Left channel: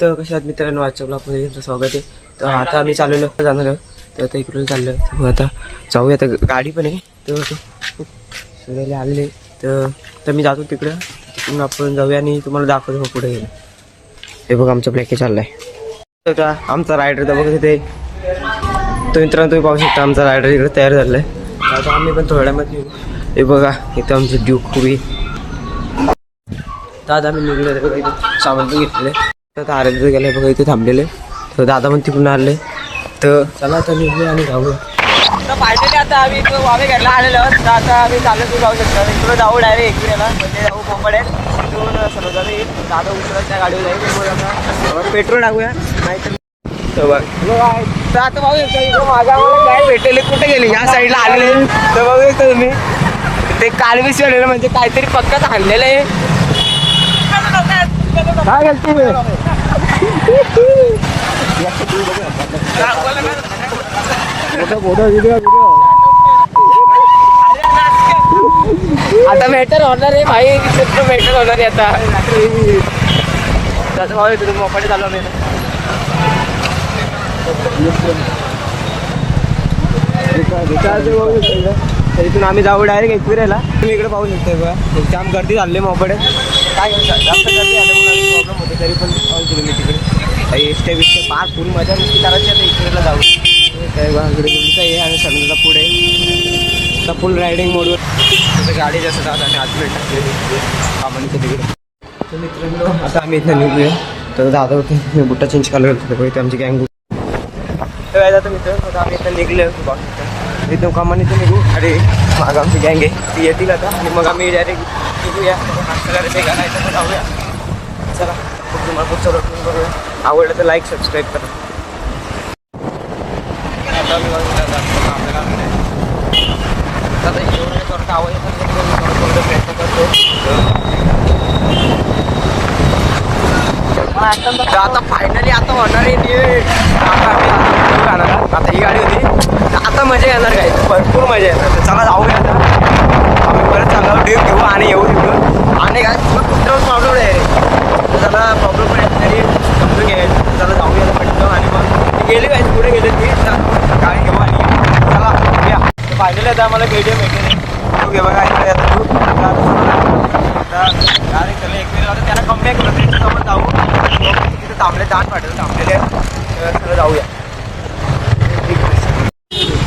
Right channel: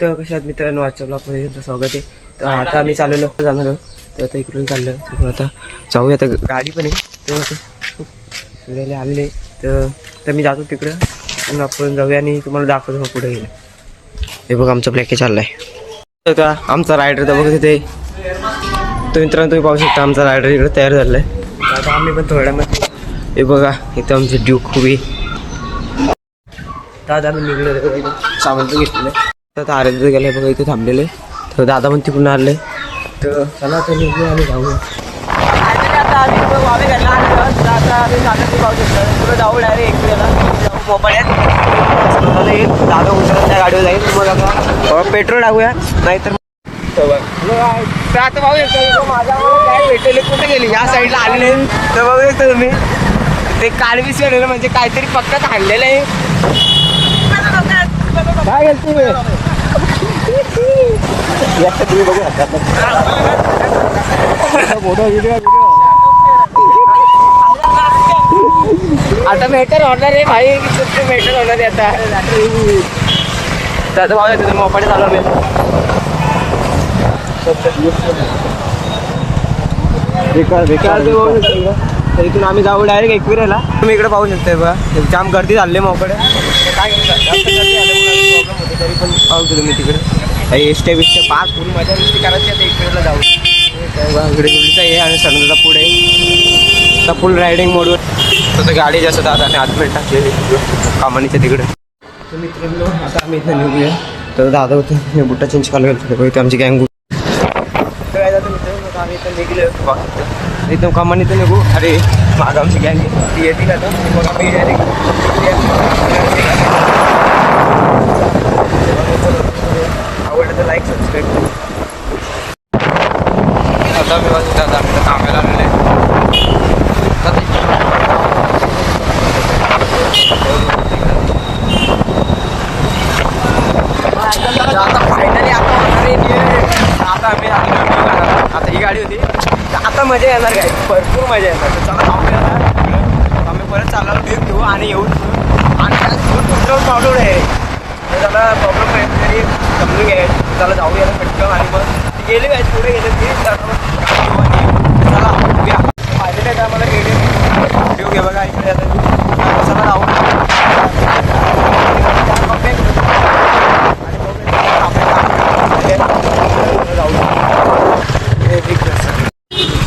तर कशा आहात मित्रांनो आजच्या ब्लॉगमध्ये तुमचं स्वागत आहे. तर आता आम्ही चाललेलो जाणार आहोत. तर आता इकडून चाललो तर आता जाऊया. आता गाडी पण आहे. तर सूर्याला आलेले. तर तर मी जातो तिकडं. तिकडून आपण जाऊया आणि तुम्हाला दाखवतो मग पुढे गेलं. हे बघ आमचा प्लॅके चाललाय. तर आमचा रायडर तर बघत तिथे तो मित्रांनो तुम्ही पाहू शकता आमचा रायडर इकडे तयार झालाय. आहे आता आम्ही पण थोड्यामध्ये हे बघा इथं आमचे ड्यूक उभी. दादा मी निघले. इथं सामान पण घेतलेलं आहे. तर आता आराध्य गेले बघा इथे थांबलेले. तर दादा पण तिकडून आले. तर चला तर निघू आणि जाऊया आता तर आता शकता जाऊ डायरेक्ट दादा उतरायच्या गाडीवर जाईल पेट्रोल टाकूया नाहीतर तर आता भाऊ माझ्या काय भेटलेले कुठे गेली? या साईडला आली. तर बघू शकता तुम्ही. ते कालवीस म्हणजे काहीतरी पक्काच हाणलेलं आहे. काय घालते आता मेटर होणार आहे भाई. मेटर होणार आहे आता. त्याचं भाव येतो मोपाडे चालवले तर इथून आम्ही जाऊ डायरेक्ट एकविरेला तुम्ही इकडे पाहू शकता बघा. जाम गर्दी झाली मोकडे काय जास्त गर्दी आल्यामुळे प्रॉब्लेम होते तरी पण पाहू मी तिकडे. एसट्या बिस्ट्या पाच फुल मजा नुसती करायची आता एकविरेला जाऊ काय इकडे गुडीचा आहे आणि सनदाचा पुढे आता फुल रायडिंग मोडवर तसं गाडी जास्त जात आणि आत मिळतात कामानीच्या तिकडे. तर मित्रांनो आता आम्ही इथं निघूया. तर दादा होते मी बुट्टा चेंज करायला गेलो होतो आमची गँग तर काय जातं मित्रांनो आम्ही इथं निघले बघा इथं. कामाने तर निघू. अरे माग आमची गँग आहे येतील आता. आणि मग आम्ही डायरेक्ट निघूया. चला, आवडलं तर लाईक सबस्क्राईब करा. आता मी बघा कामाला इकडून तर आता फायनली आता होणार आहे नीट. आता आम्ही आता आता. ही गाडी होती. आता मजा येणार काय भरपूर मजा येणार. चला जाऊया आम्ही परत चांगला ड्रीप घेऊ आणि येऊ आणि काय फुल प्रॉब्लेम आहे. तर त्याला प्रॉब्लेम आहे तरी समजून घ्याय त्याला जाऊ यायला पटकन आणि मग गेले काय पुढे गेले ते. तर गाडी घेऊ आणि चला या. फायनली आता आम्हाला के डी एम येऊ घे बघा आता तू. चला जाऊ त्याला कम्बॅक आपले दाट थांबलेले आहेत जाऊया.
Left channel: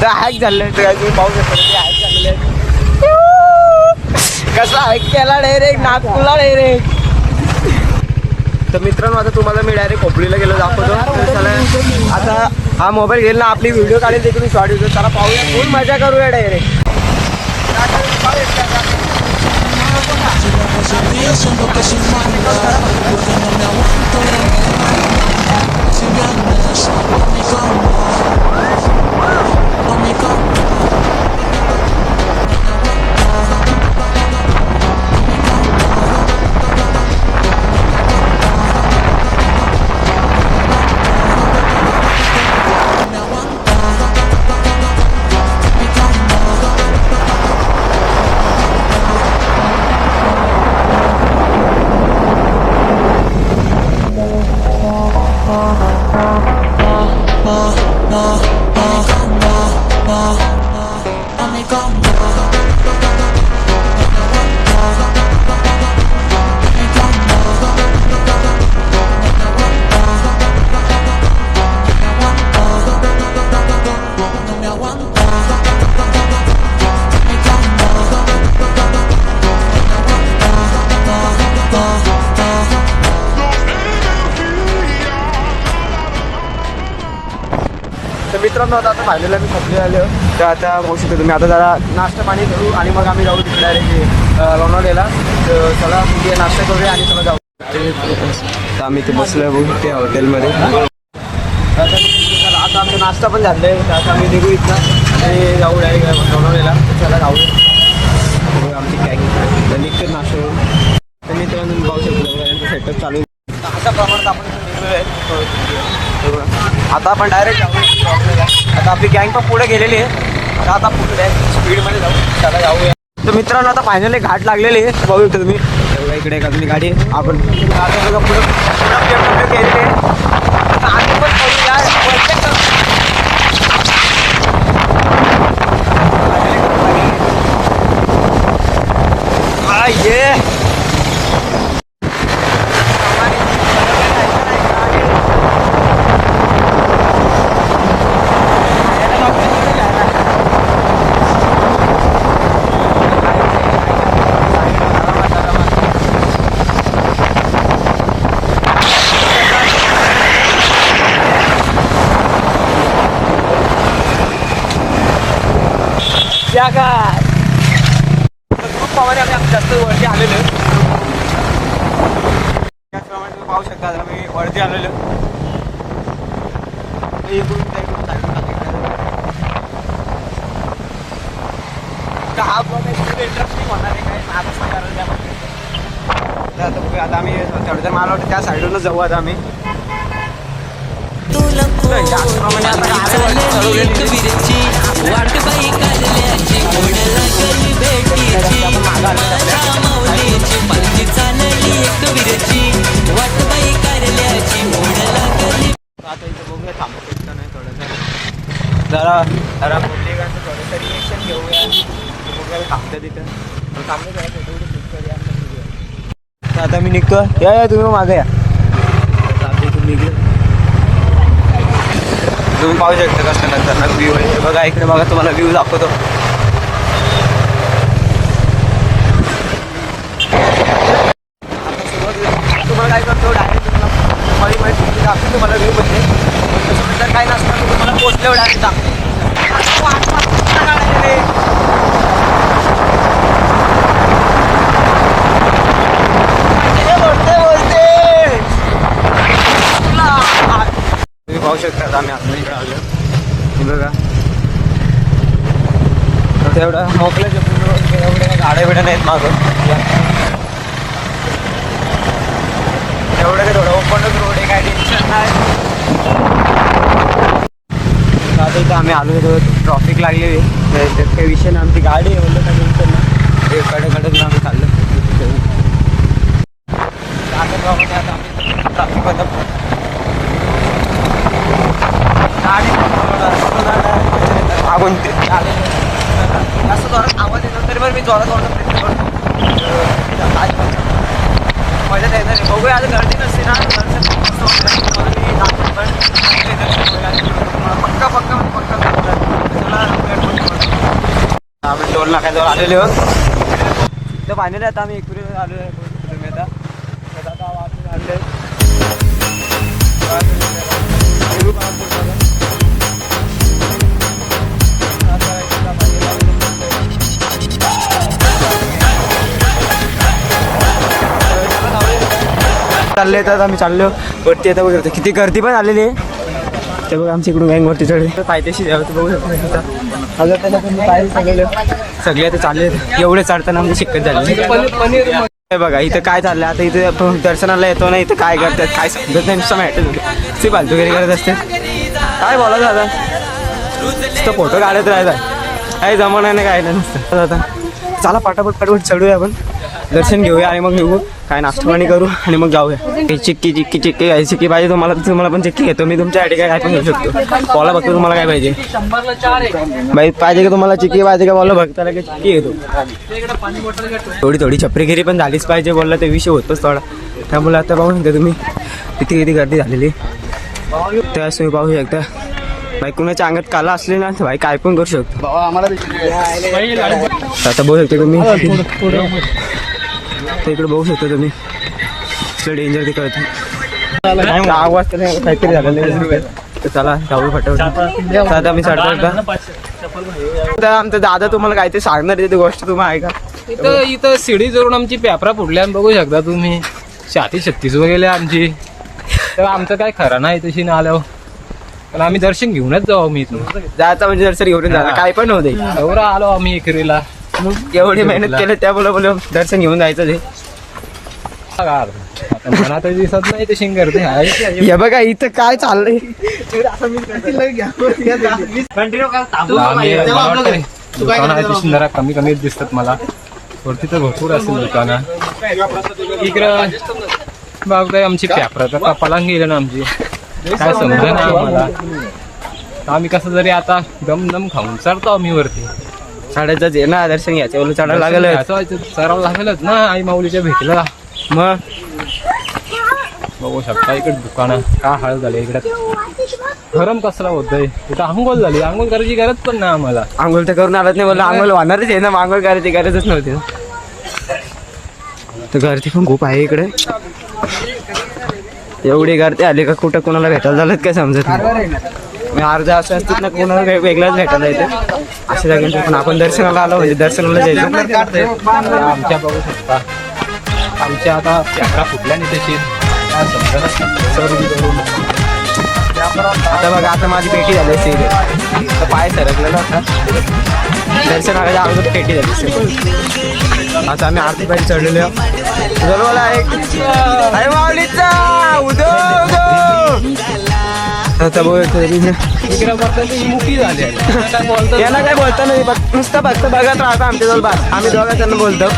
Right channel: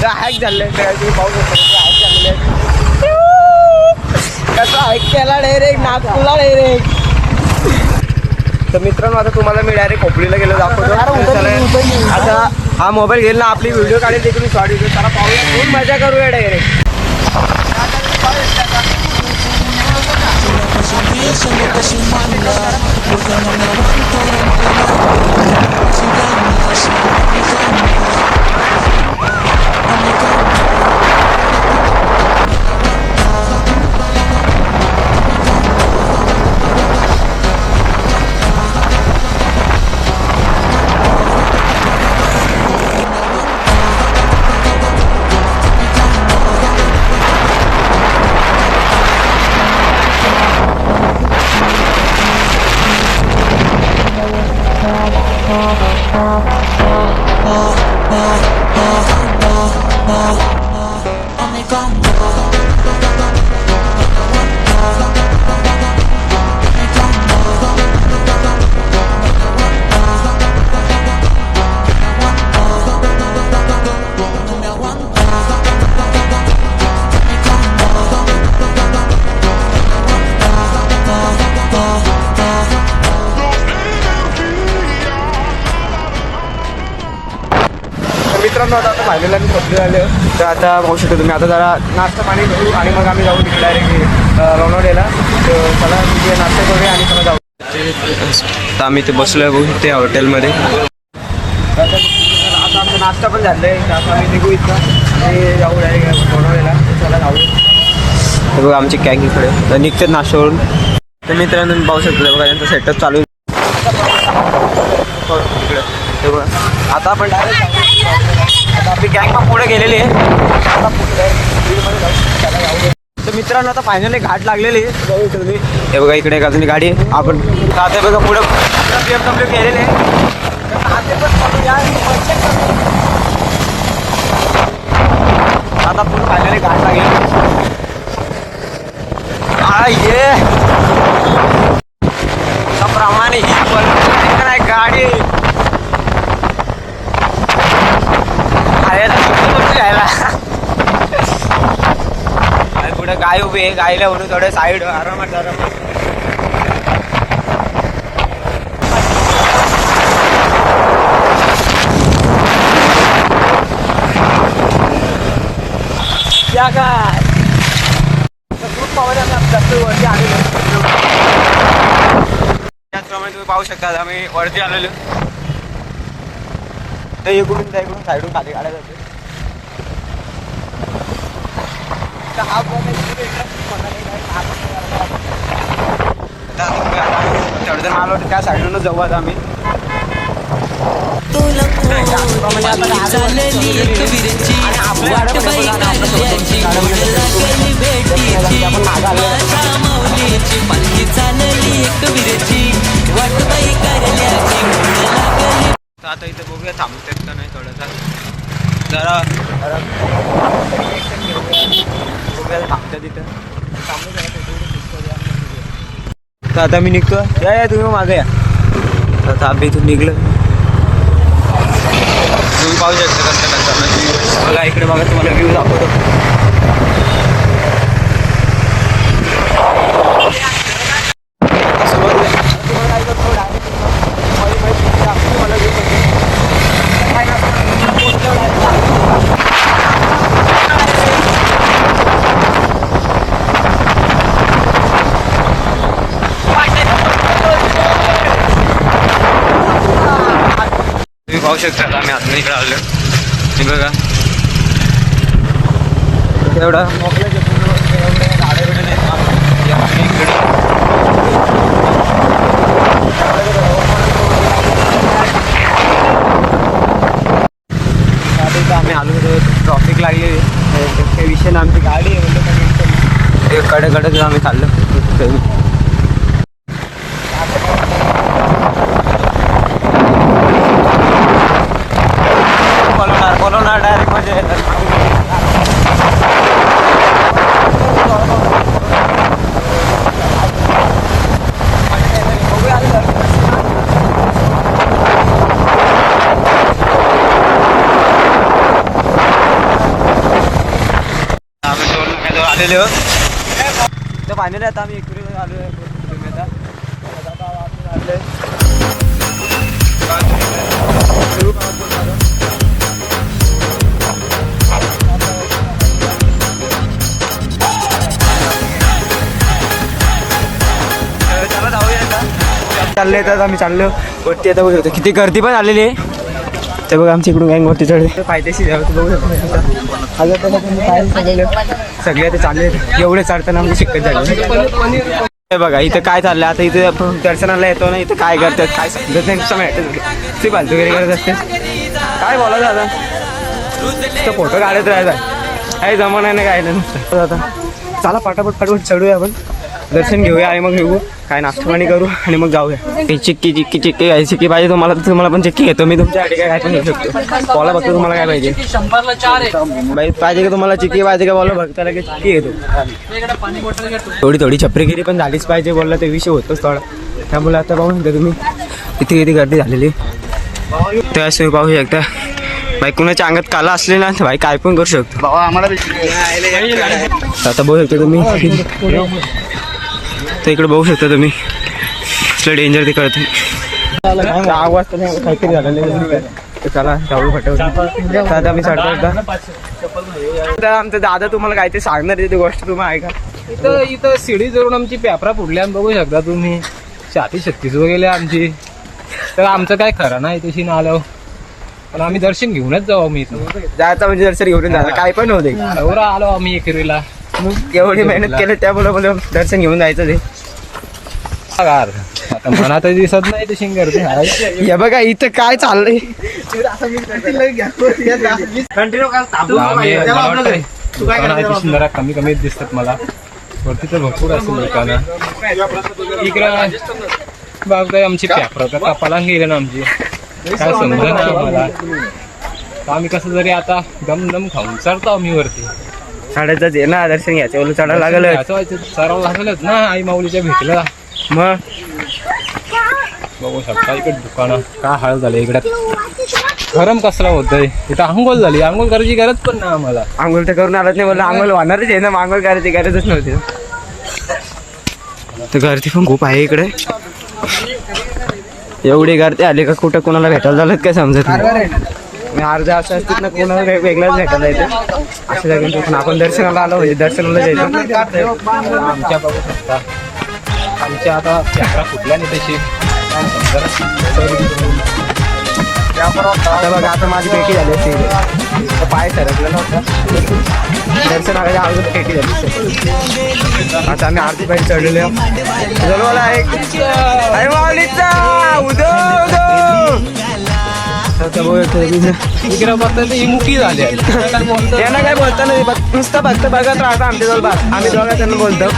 तर हॅक झाले. तुम्ही पाहू शकता ते हॅक झालेले आहेत. कसा हॅक केला डायरेक्ट नागपूरला डायरेक्ट तर मित्रांनो आता तुम्हाला मी डायरेक्ट खोपडीला गेलो दाखवतो. चला आता हा मोबाईल घेईल ना आपली व्हिडिओ काढेल ते तुम्ही शॉर्ट व्हिडिओ त्याला पाहूया. फुल मजा करूया direct Pues pienso que soy mala Porque no me aguanto de mala Si vienes a mi cama A mi cama तर मित्रांनो आता आता फायनल आम्ही खोपली आले. तर आता पाहू शकतो तुम्ही आता जरा नाश्ता पाणी करू आणि मग आम्ही जाऊ तिकडे डायरेक्ट लोणावळ्याला. तर चला तिथे नाश्ता करूया आणि चला जाऊ. तर आम्ही ते बसलोय बघू ते हॉटेलमध्ये. आता आमचा नाश्ता पण झाला आहे. आता आम्ही निघू इथं आणि जाऊ डायरेक्ट लोणावळ्याला. चला जाऊ. हे बघा आमची कॅग इकडं. तर निघतात नाश्त्यावरून. तर मित्रांनो पाहू शकतो बघा यांचा सेटअप चालू आहे. बघा. आता आपण डायरेक्ट जाऊ आता आपली गँग पण पुढे गेलेली आहे. आता पुढे स्पीडमध्ये जाऊ. त्याला जाऊया. तर मित्रांनो आता फायनली घाट लागलेले आहे. बघू इथे तुम्ही. हे बघा इकडे एक अजून गाडी आहे. आपण आता बघा पुढे. पी डब्ल्यू आहे आता पण खाली जा, वरच्या कमी. आता पुढे finally घाट लागेल. आ, ये. त्याप्रमाणे ही पलटी नाही, गाडी आहे ना, कुठे आहे ना? पुढे गाय उभे आहे, गायला उभे थोडे साईड आरामात आरामात त्या काय ग्रुप पॉवर आम्ही आमच्या जास्त वरती आलेलो त्याचप्रमाणे तुम्ही पाहू शकता आम्ही वरती आलेलो. ते इकडून त्या इकडून साईडून खाली काढायचं. हा ब्लॉग इंटरेस्टिंग होणार आहे काय महाराष्ट्र करायला. तर आता बघूया, आता आम्ही चढजण माल वाटतं त्या साईडूनच जाऊ आता आम्ही. तुला त्याचप्रमाणे आता वाट बाई कारल्याची ओढ लागली भेटीची. माझ्या माऊलीची पालखी चालली एक विरची. वाट बाई कारल्याची ओढ लागली आता इथे बघूया थांबतात का नाही थोडंसं जरा. जरा. घेऊया. बघूया थांबतात इथं थांबलं आता मी निघतो या या तुम्ही मागे या. आता आम्ही इथून निघलो. तुम्ही पाहू शकता कसं नंतर व्ह्यू बघा इकडे बघा तुम्हाला व्ह्यू दाखवतो. तुम्हाला काय करतो डायरेक्ट माझी माहिती दाखवतो तुम्हाला व्ह्यू म्हणजे काय नसतं तुम्हाला पोचल्यावर डायरेक्ट दाखवतो तुम्ही पाहू शकता आता आम्ही अजून इकडे आलो हे बघा तर तेवढं मोकळं जे नाहीत ते आम्ही आलो होतो ट्रॉफिक लागलेली त्या तर काही विषय ना आमची गाडी आहे म्हणलं काही टेन्शनकडे कडे आम्ही चाललो आता बोलवणार बोलवणार डायरेक्ट म्हणजे मागून तरी पण मी जोरात बोलतो. मजा येणार आहे. बघूया आता गर्दी नसते ना आम्ही टोल नाक्याजवळ आलेले आहोत तर फायनली आता आम्ही इकडे आलो आहे तुम्ही आता. चालले तर आम्ही चाललो. वरती आता बघू शकतो. किती गर्दी पण आलेली आहे. ते बघा आमच्या इकडून गँग वरती चढले फायदेशीर आहे, बघू शकतो. आता त्याला तुम्ही पाहिजे सगळे सगळे आता चालले एवढे चढताना म्हणजे शिकत झाले हे बघा इथं काय चाललं आता इथे आपण दर्शनाला येतो ना इथं काय करतात काय समजत नाही नुसतं माहिती ती करत असते. काय बोला दादा तर फोटो काढत राहायचा काही जमाना नाही काय नाही नुसतं. आता चला पाटापट पटापट चढूया आपण. दर्शन घेऊया आणि मग घेऊ काय नाश्ता पाणी करू आणि मग जाऊया. चिक्की चिक्की चिक्की काय चिक्की पाहिजे तुम्हाला तुम्हाला पण चिक्की घेतो मी तुमच्यासाठी काय काय पण घेऊ शकतो. बोला बघतो तुम्हाला काय पाहिजे. बाई पाहिजे का तुम्हाला चिक्की पाहिजे का बोला. बघता लगेच चिक्की घेतो थोडी थोडी छपरीगिरी पण झालीच पाहिजे बोलला ते विषय होतोच थोडा. त्यामुळे आता पाहू शकता तुम्ही. किती किती गर्दी झालेली. त्यास तुम्ही पाहू शकता. बाई कुणाच्या अंगात काला असले ना भाई काय पण करू शकतो. आता बघू शकता तुम्ही. तर इकडे बघू शकता तुम्ही. कसलं डेंजर ते कळतं आवाज तर नाही, काहीतरी झालेलं. तर चला आता मी आमचा दादा तुम्हाला काहीतरी सांगणार आहे ती गोष्ट तुम्ही ऐका. इथं इथं शिडी जवळून आमची पेपरा फुडल्या बघू शकता तुम्ही. छाती शक्तीच गेली आमची. तर आमचं काय खरं नाही तशी ना आल्यावर. पण आम्ही दर्शन घेऊनच जाऊ आम्ही इथं जायचं म्हणजे दर्शन घेऊन जायचं काय पण होते एवढं आलो आम्ही एकरीला एवढी मेहनत केली त्यामुळे बोल दर्शन घेऊन जायचं ते. दिसत नाही तशी गर्दी आहे हे बघा इथं काय चाललंय? कमी कमी दिसतात मला. वरती तर भरपूर असेल दुकानं. इकडं बघताय आमची पेपराचा पलांगी गेलं ना आमची. काय समजा ना आम्हाला. तर आम्ही कसं जरी आता दम दम खाऊन चढतो आम्ही वरती. साडेचाच आहे ना दर्शन घ्यायचं बोलू चढायला लागलं चढावं लागेलच ना आई माऊलीच्या भेटला. मग? बघू शकता इकडे दुकानं काय हाल झाले इकडे. गरम कसला होतंय? इथं आंघोळ झाली आंघोळ करायची गरज पण नाही आम्हाला. आंघोळ तर करून आलाच नाही बोललं आंघोळ होणारच आहे ना मग आंघोळ करायची गरजच नव्हती तर गर्दी पण खूप आहे इकडे. एवढी गर्दी आली का कुठं कोणाला भेटायला झालं काय समजत नाही. अर्धा असं असतात ना कोणाला वे- वेगळंच भेटायला येते अशा जागी पण आपण दर्शनाला आलो म्हणजे दर्शनाला जायचं आमच्या बघू शकता आमच्या आता फुटल्या नाही समजेना. आता बघा आता माझी पेटी झाली असते. तर पाय सरकलेला होता दर्शन आल्याच्या अगोदर पेटी झाली असते. आता आम्ही आरती पाहिजे चढलेलो. जलवाला एक अरे माऊलीचा उदो उदो तर बघता ती झाली आहे. काय बोलतो? यांना काय बोलता नाही फक्त नुसतं फक्त बघत राहतो आमच्या जवळ बाग आम्ही दोघं त्यांना बोलतो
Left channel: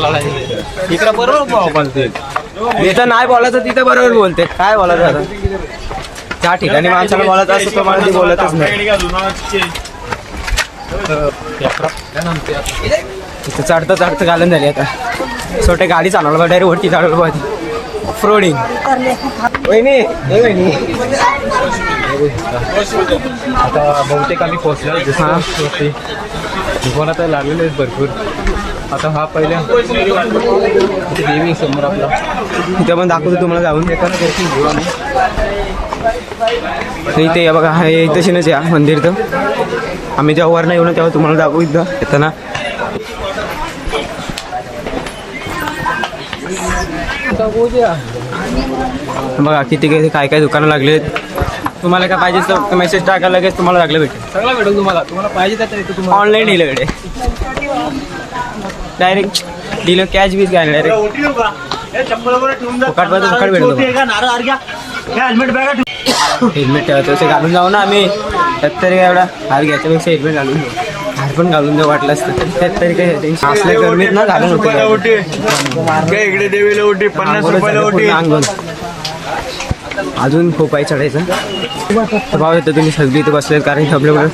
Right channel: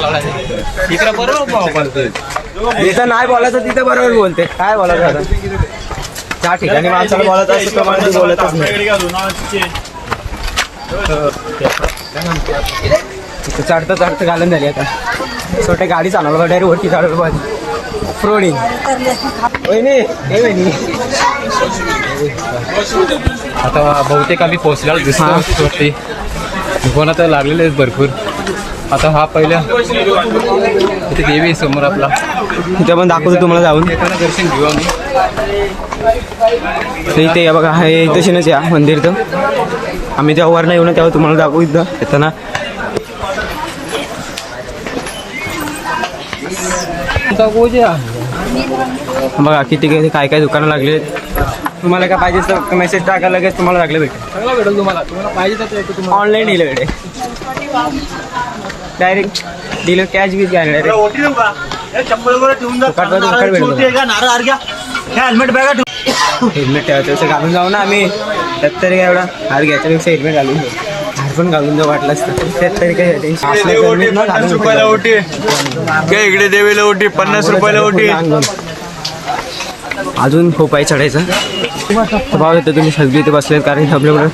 लागा बरोबर जिथं नाही बोलायचं तिथं बरोबर बोलते काय बोलायचं आता त्या ठिकाणी माणसाला बोलायचं असतो तो मला बोलतच नाही इथं चढतं चढतं घालून झाली आता. छोटे गाडी चालवलं डायरेक्ट वरती चालवलं पाहिजे फ्रोडिंग वहिनी ए वहिनी. आता बहुतेक आम्ही पोहोचलेलो दिसतो हा. दुकानं तर लागलेले आहेत भरपूर. आता हा पहिला. इथे देवी समोर आपला. इथं पण दाखवतो तुम्हाला जाऊन. दर्शन घेऊ आम्ही. इथे या बघा हे इथं या मंदिर तर. आम्ही जेव्हा वर येऊ ना तेव्हा तुम्हाला दाखवू इथं येताना आता गोजे बघा किती काय काय दुकानं लागले तुम्हाला काय पाहिजे तर मेसेज टाका लगेच तुम्हाला लागले भेटेल. सगळं भेटेल तुम्हाला. तुम्हाला पाहिजे ऑनलाईन डिलिव्हरी डायरेक्ट डिलिव्ह कॅश बीच घ्या डायरेक्ट फुकट पाहिजे फुकट भेटतो हेल्मेट ठेवायचं असे घालून जाऊ ना आम्ही. त्यात तरी काय एवढा हार घ्यायच्यापेक्षा हेल्मेट घालून जाऊ हार पण घालून जाऊ वाटलं असतं तरी त्यात तरी काय टेन्शन असल्या गरमीत ना घालून काय इकडे देवीला ओटी पन्नास रुपयाला ओटी. अजून खूप आहे चढायचं. तर भाऊ येतं तुम्ही सगळी इथे बसलेत कारण की आपल्याकडं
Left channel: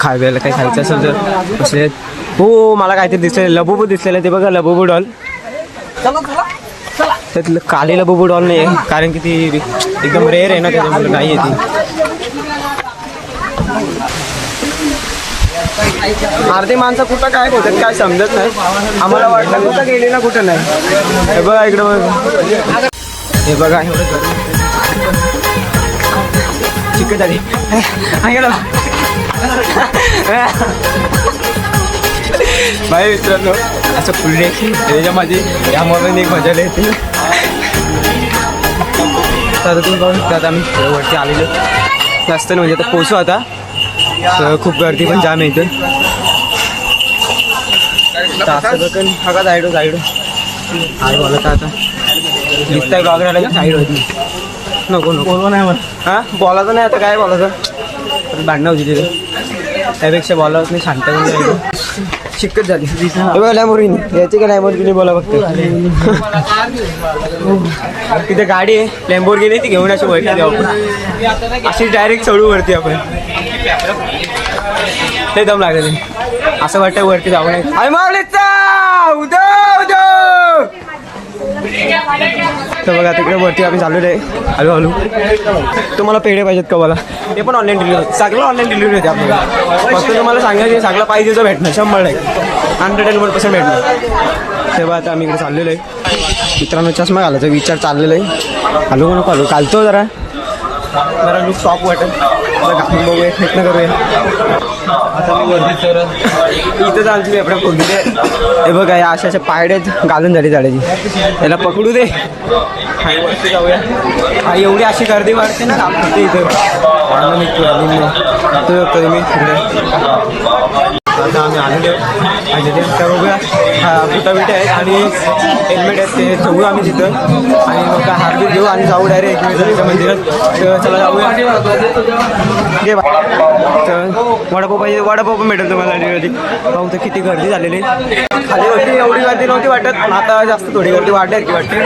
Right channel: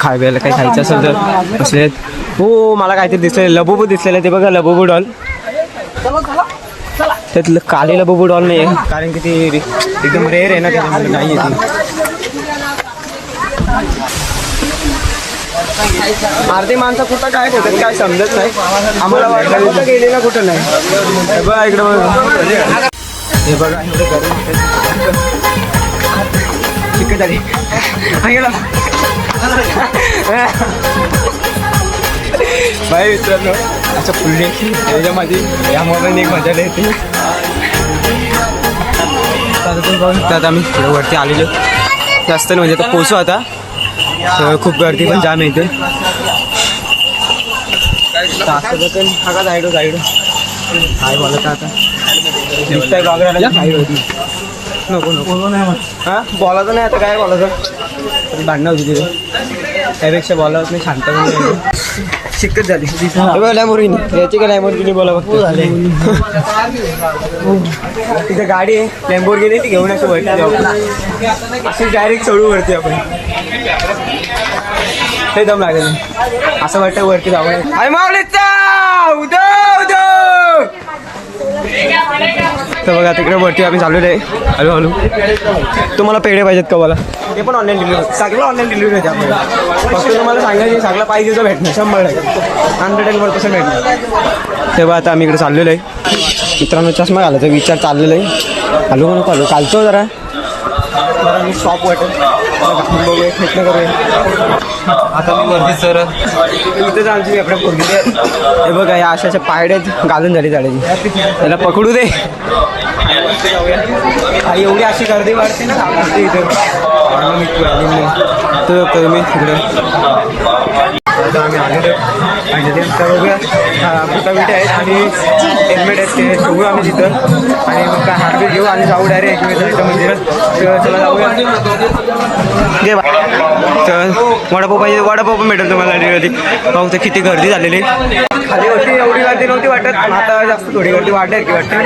खाय प्यायला काही खायचं असेल तर बसलेत. हो मला काहीतरी दिसलेलं लबुबू दिसलेलं ते बघा लबुबू डॉल. त्यातलं काली लबुबू डॉल नाही आहे कारण की ती एकदम रेअर आहे ना त्याच्यामुळे नाही आहे ती. अर्धे माणसं कुठं काय होतात काय समजत नाही. आम्हाला वाटलं कुठं गेले ना कुठं नाही. हे बघा इकडं बघा. हे बघा एवढं गरम चिकट आली. बाई मित्रांनो असं पुढे त्याच्यामध्ये या मोबाईल एक मजा येते. तर तुम्ही बघू शकता आम्ही थोडं वरती आलेलो. जास्त नाही म्हणजे आता पोचू आता. तर खूप गर्दी पण जाम येते पण हा जायडो जायडो. काय बोलत आता. दिसतंय साईड होती. नको नको. हा? बोलायचं नाही आता काय बोलायचं? भांडणं होती तिथे. त्यापेक्षा बोलावत नाही शांत पण जायचं शिकत झाली. याची का लॅमोरिनी बोला फक्त. तिथे गाडी आहे लॅम्बोर्गिनी ती घेऊन अशी वरती जाऊ आपण. अशी डायरेक्ट चढू वरती आपण. ते दम लागले. असं वाटतं वरती जाऊ नये अरे मावळीचा उदो उदो तर बघा तिकडे वरती आम्ही चाललेलो आहे. हळू हळू. तुम्हाला पेढे पाहिजेत का मला? ते पण ऑनलाईन डिलिव्हरी सगळं ऑनलाईन डिलिव्हरी होते आपल्याला. फक्त तुम्हाला सांगायचं सगळं पाहिजे तर भेटणार. शंभर टक्के. हंड्रेड अँड वन पर्सेंट भेटणार. तेव्हा आता आम्ही इकडे चाललेलो आहे. मित्रांनो चष्मा घालायचा विचार चाललेला आहे. हॅलो म्हणून हॅलो. कालतो जरा. जरा मी स्टॉप वाटेल. जरा बघूया प्रयत्न करूया. आता मी वरती सर इथंच आमची आपल्या फोडली हे बघा या अशा अशा पायड्यात घालून झाली झाडाची. त्याला पकडू दे. जाऊया एवढी अशी गर्दी वाढते ना घाबरते इथं. म्हणून मी ट्वेल्लीने मी तिकडे. आता आम्ही आलेलो आणि ते बघूया हा आहेत आणि हेल्मेट आहेत ते ठेवू आम्ही तिथं. आणि मग काय हार्डबीट घेऊ आणि जाऊ डायरेक्ट एकमेकांच्या मंदिरात. तर चला जाऊया. दे तर वडापाव पाहिजे वडापाव पण भेटेल तुम्हाला कधी पाहू तर किती गर्दी झालेली खाली होती एवढी गर्दी नव्हती वाटत आता जास्त थोडी गर्दी वाढली की वाटतं.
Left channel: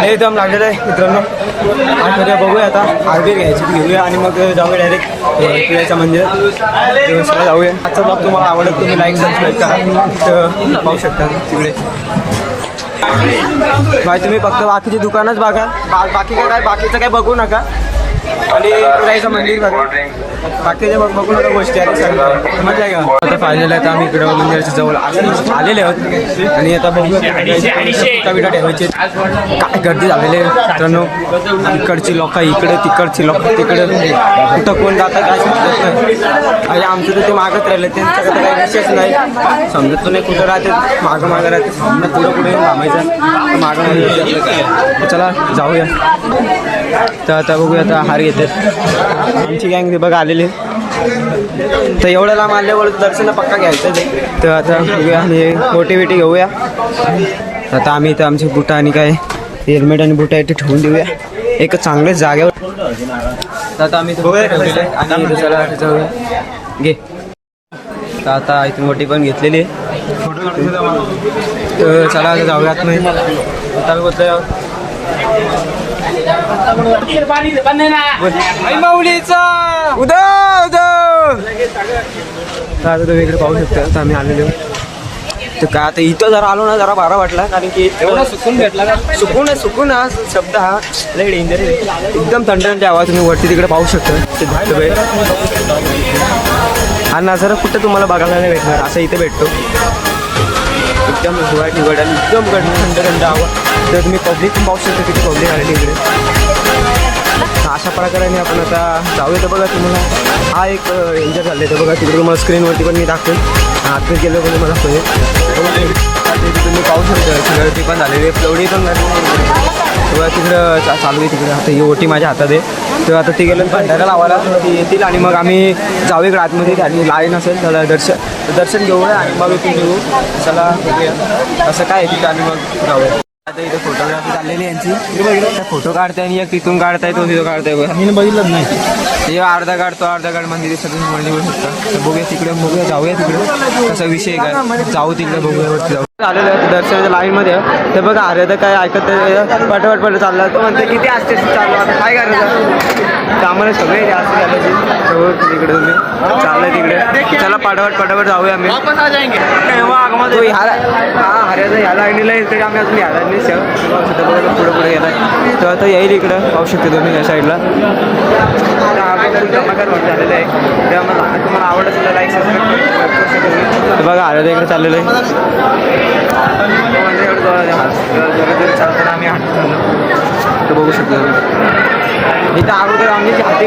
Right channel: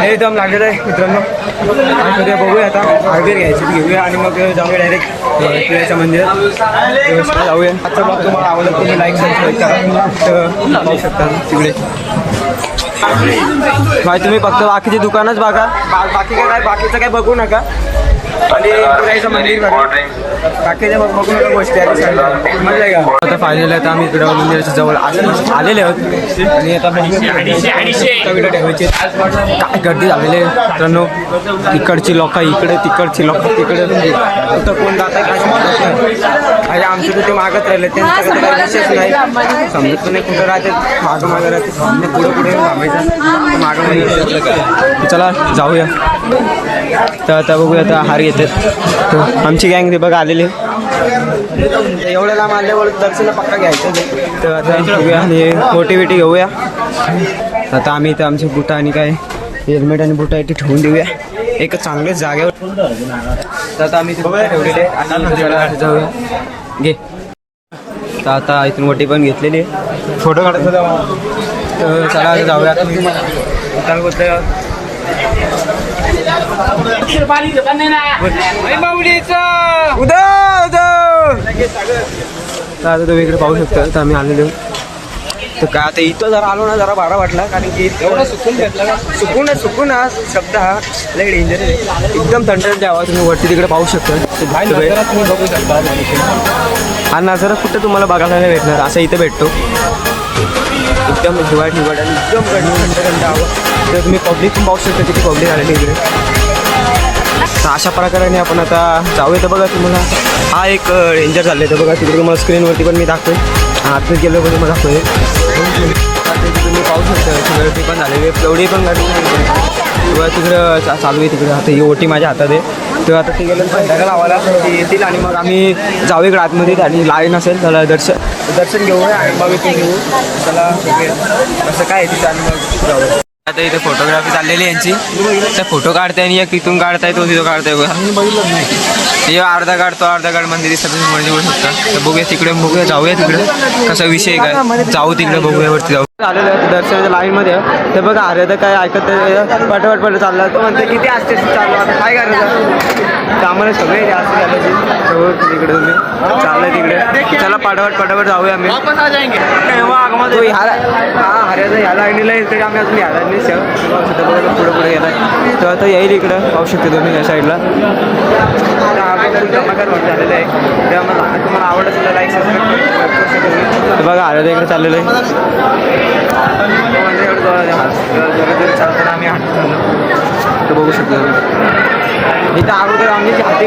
हे एकदम लागलेलं आहे मित्रांनो. आणि उद्या बघूया आता आरबीर घ्यायची घेऊया आणि मग जाऊया डायरेक्ट किल्ल्याच्या मंदिरात म्हणजे व्यवस्थित जाऊया. आजचा ब्लॉग तुम्हाला आवडत तुम्ही लाईक सबस्क्राईब करा. तर पाहू शकता तिकडे. भाई तुम्ही फक्त बाकीची दुकानच बघा. बाकी काय काय बाकीचं काय बघू नका. आणि तुरायचं मंदिर बघू. नका गोष्टी आहेत सगळ्या आहे का? आता फायनल आहे आम्ही इकडं मंदिराच्या जवळ आले- आलेले आहोत. आणि आता बघूया कविता ठेवायचे. काय गर्दी झालेली आहे. मित्रांनो इकडची लोक इकडे तिकडची लोक तिकडे कुठं कोण जात आहे काय समजत नाही. आणि आमचे तर ते मागत राहिले. त्यांचं कसं काही विषयच नाही. समजत पण नाही कुठं राहते. मागं मागं राहते. समजा पुढे पुढे थांबायचं तर मागं चला जाऊया. तर आता बघूया आता हरी घेतात आमची गँग ते बघा आलेली. तर एवढं लांब आल्यावर दर्शन पक्का घ्यायचं. तर आता बघूया आणि मोठी बिटी घेऊया. आता आम्ही इथं आमचे बुटा आणि काय हेल्मेट आणि बुटा इथे ठेवून देऊया. एक चांगल्याच जागेवर. तर आता आम्ही ठेवलेले आणि जाऊया. घे. तर आता इथून मोठी पण घेतलेली आहे. फोटो काढायचा तर चला आता जाऊया. आता बोलतोय उदा उदा तर आता तुम्ही इकडे पाहू शकता. तर आम्ही आलेलो. तर काय आता इथं जरा आलो ना जरा बारा वाटला कारण की सुकून भेटला सुकून आहे सुकून हा शब्द हा लय डेंजर आहे. एकदम थंड थंड आवाज तुम्ही वरती तिकडे पाहू शकता. हा नजारा कुठं तुम्हाला बघायला नाही भेटणार असं इथे भेटतो. एकदम हिवाळ हिवाळ आणि एकदम थंड थंड आवाज. तर तुम्ही पब्लिक पण पाहू शकता किती पब्लिक आलेली इकडे. अशा प्रकारे आपण आता जाऊया तर बघा तुम्हाला. हा एक डेंजर झालं तर बघा. तिकडे तुम्हाला स्क्रीनवरती पण मी दाखवेन. आतमध्ये गेलो पण तुम्हाला दाखवेन. तुम्ही पाहू शकता. गर्दी पण झालेली आहे. एवढी पण झाली नाही तेव्हा तिकडं चा- चालू आहे तिकडे. आता ही ओटी माझ्या हातात आहे. तेव्हा आता ती गेलं भंडारा लावायला ती येतील आणि मग आम्ही जाऊ इकडे आतमध्ये. आणि लाईन असेल त्याला दर्शन दर्शन घेऊया आणि मग घेऊ. त्याला असं काय आहे तिथं आणि मग जाऊया. आता इथे फोटोग्राफी चाललेली यांची. तर फोटो काढताय आणि एक तिथून काढताय तो तिथं काढताय बघा. बघितलं नाही. हे अर्धा काढतो अर्धा काढ मंदिर दिसतं तुम्ही म्हणजे बोलू शकता. तर बघूया तिकडे बघूया जाऊया तिकडे. कसा विषय काय? जाऊ तिकडे बघूया वरती जाऊ. आलेलं आहे दर्शनाच्या लाईनमध्ये. ते बघा अरे तर काय ऐकत. पटापट पट चालला तो म्हणते किती असते चाललो आता. काय करायचं आम्हाला सगळे जास्त झालं सगळं तिकडे तुम्ही. चाललंय तिकडे. चला पटापट पटापट जाऊया आम्ही. तो ह्या हा हऱ्याचा ह्या लाईनीला येईल तरी आम्ही अजून ह्या लाईनी पुढे पुढे गेला तर आता येईल इकडं. पाहू शकतो तुम्ही या साईडला झालेलं आहे. तुम्हाला आवडत असेल लाईक सबस्क्राईब बघा आलं इकडे चाललेलं आहे. चालताना आम्ही हात तर बघू शकतो. इथं अगोदर आम्ही हाती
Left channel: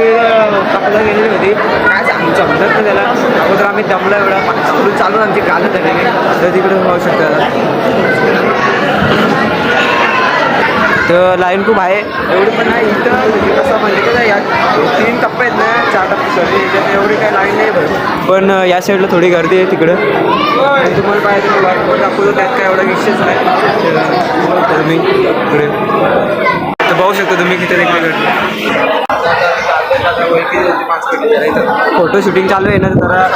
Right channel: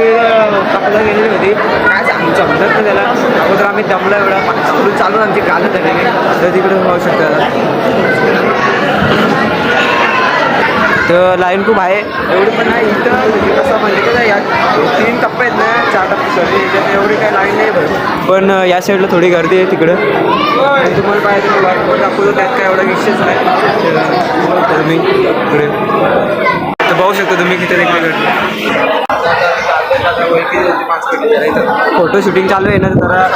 कपडा गेलेली होती. काय सांगू समजत नाही त्याला? अगोदर आम्ही दमला एवढा. चालून आमची गाणं झालेली तर तिकडे होऊ शकता. तर लाईन खूप आहे. एवढी पण नाही इथं कसं म्हणजे कसं या तीन टप्पे आहेत ना चार टप्पे सॉरी याच्यात एवढी काही लाईन नाही पण या साईडला थोडी गर्दी आहे तिकडं. आणि तुम्हाला पाहिजे दाखवतो त्यात काय एवढा विषयच नाही. तर तुम्ही इकडे तर पाहू शकता तुम्ही किती गर्दी फोटो शूटिंग चालू आहे ना जरा.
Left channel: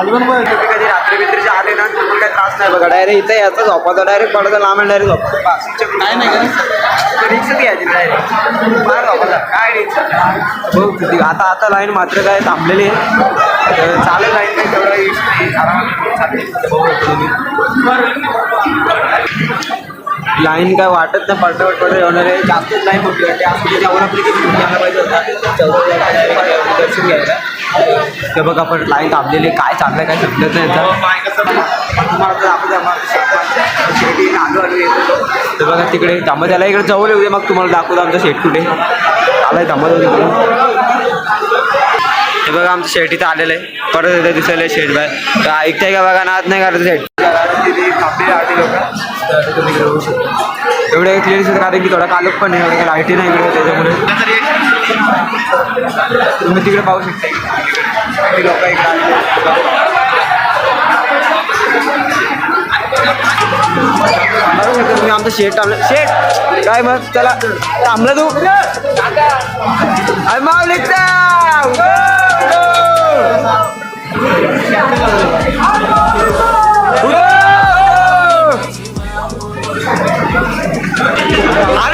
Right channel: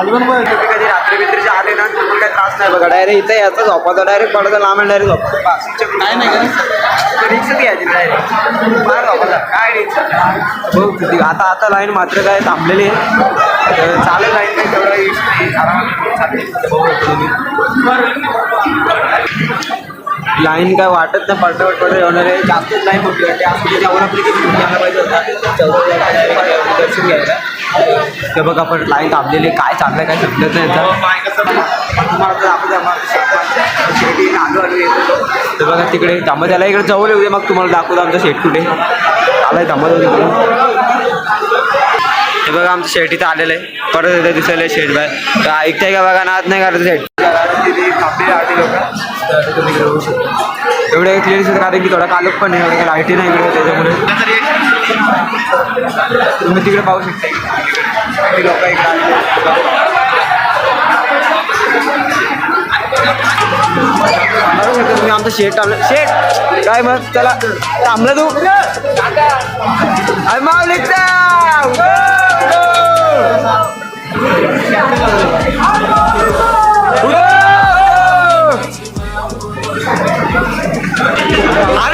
तालिबान पण तुम्ही कधी रात्री बित्रीचे आले ना तुम्हाला काही त्रास नाही बघा. डायरेक्ट इथं याचा झोपाचा डायरेक्ट पडता लांब डायरेक्ट झोपायचं. काय नाही का रिक्षा घ्यायची डायरेक्ट फार झोपायचा. काय रिक्षा हो किती. आता आता लाईन मात्र काय थांबलेली आहे. तर चालेल लाईन तेवढा इश्यू नाही. आरामात. बघू तुम्ही. लाईन काय वाटत नाही. पडपट पडत होणार आहे. जास्तच लाईन वाटते असं त्याच्यावर आपली किती आला पाहिजे होता. दर्शन घ्यायला. ते बघ आपण लाईन थांबलेली आहे. काय चाललंय काय समजत नाही तर येत बघा तिकडे थांबा त्याला इकडे जवळ येऊ दे मग तुम्हाला दाखवतो आमचा शेट कुठे. आलाय थांबत होते हे बघा आमचं शेट इथं आलेलं आहे. परत इथं दिसायला शेट बाय तर ऐकताय का बघा नाद नाही करायचं शेट. एवढे क्लिअर दिसत कारण की थोडा कालक पण आहे एवढं लाईटी नाही इकडे त्याच्यामुळे. तुम्ही तिकडे पाहू शकता. लोक इकडे तुम्ही आमचं शेट थांबलं शेट! काय मग? चला. थांबलं तू. अरे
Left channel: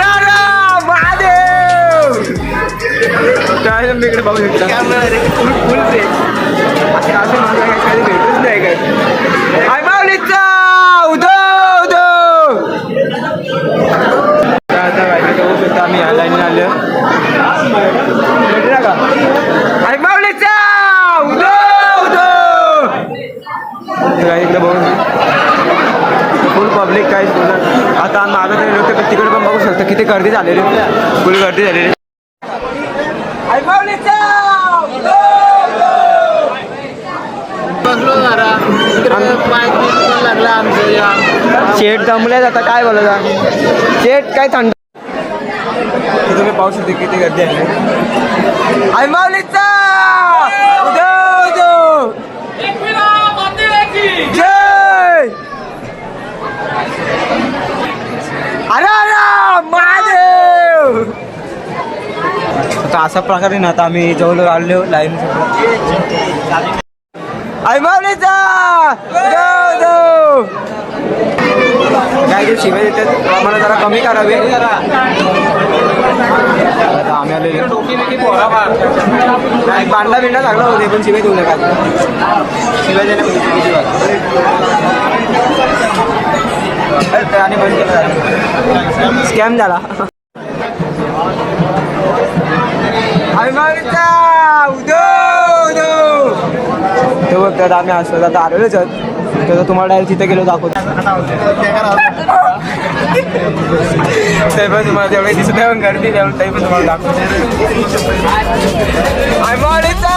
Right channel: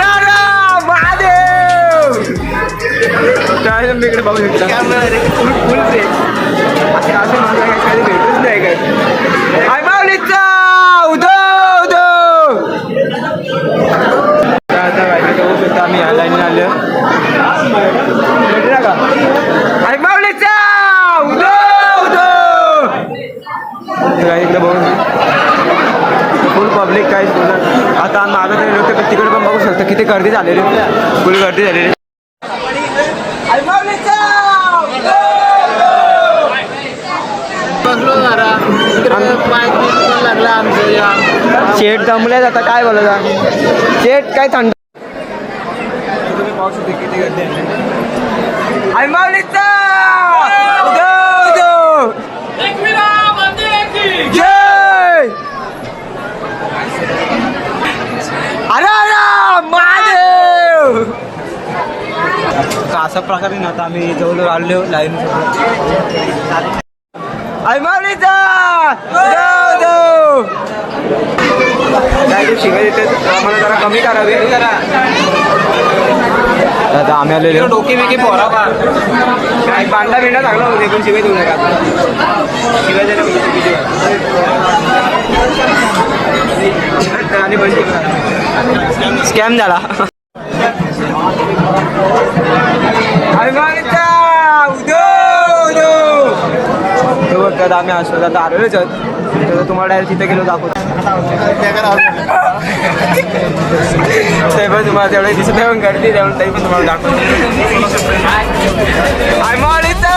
काय तुम्ही इकडे बघू शकता. फुल फुल ते. आता असं मला काय कधी भेटूच नाही काय? आय माऊलीचा! उदो उदो! आता बायका बघू शकता आम्ही या लाईनीला आलो भेटला का? आय माऊलीचा! उदो उदो! काय इकडे बघू फुल पब्लिक काय बोलणार? आता मागं तरी लोक तिकडे पण बघू शकता. किती गर्दी झालेली फुल गर्दी झालेली शेट जमले आता काय बोलायचा? शेट काय थंड तुम्ही पाहू शकता किती गर्दी आहे? माऊलीचा जय! अरे महादेव! अशा प्रकारे ना आता आम्ही जवळ आलो लाईन आय माऊलीचा शिवाय देतात आम्हाला जरा कमी करावे. आता आम्ही आलेलो डोके बिके नाही बांडा बिंडा लागला होते पण शिवाय देऊ नका. शिवाय म्हणजे बात. आणि बंद स्कॅम झाला. अभिमानिता उदो उदो तर आम्ही असतो आता आलेलोच तर तुम्हाला डायरेक्ट तिथे गेलो दाखवतो. ते पण तुम्हाला तेवढे दिसत नाही पण गर्दी तेवढं ते पण तुम्हाला दाखवतो. अभिमानिता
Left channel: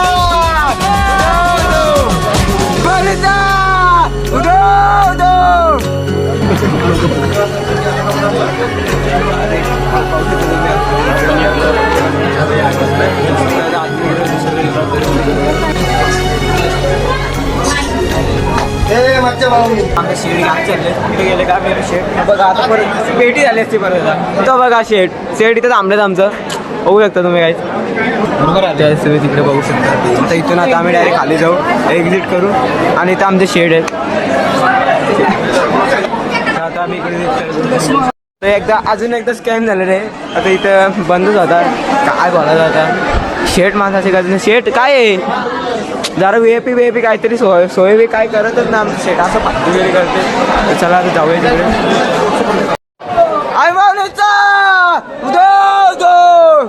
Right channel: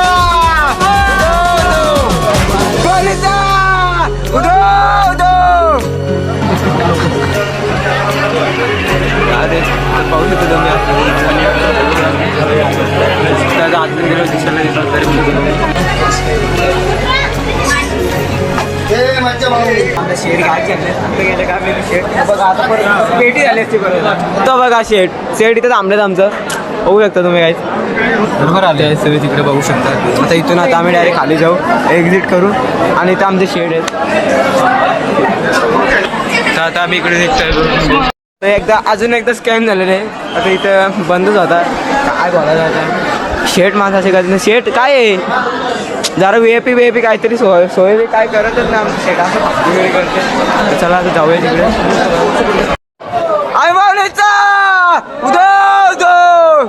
उदो उदो शेड काय चाललंय? कुठे गेले का मी शेड? बघा आता परत पेटी झाली असती परत. तो बघा शेड. शेड इथं थांबलेत आमचं. बघू शकता तुम्ही काय बरोबर त्यावेळेस तुम्ही तिकडे बघू शकता. आता इथून आता आम्ही डायरेक्ट खाली जाऊ एक्झिट करू. आणि इथं आमचे शेड आहेत. तर आता आम्ही इकडे निघतोय तर एकदा अजून एकदा स्कॅम झालेलं आहे. आता इथं बंदच होता. काय बोलायचं आता? शेट गरज नाही शेट काय आहे? जरा V A P V A P काहीतरी सोय सोय बी काय करतच ना आमचं शेट असं फालतू वगैरे करते. चला आता जाऊया तिकडे. आय मावलीचा उदय जाऊया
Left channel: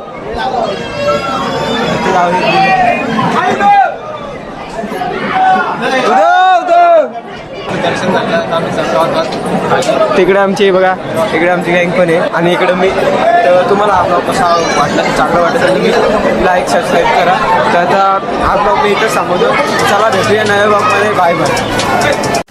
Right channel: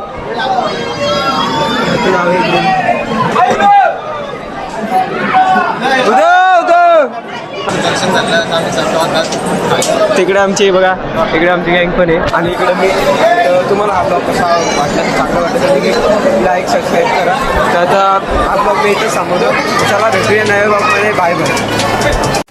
इकडे. उदो उदो तिकडे आमची बघा इकडे आमची गँग पण आहे. आणि इकडे मी तर तुम्हाला हा ब्लॉग कसा वाटला चांगला वाटत असेल लाईक सबस्क्राईब करा. तर आता हा ब्लॉग मी इथं सांगतो चला भेटूया नव्या ब्लॉगमध्ये बाय बाय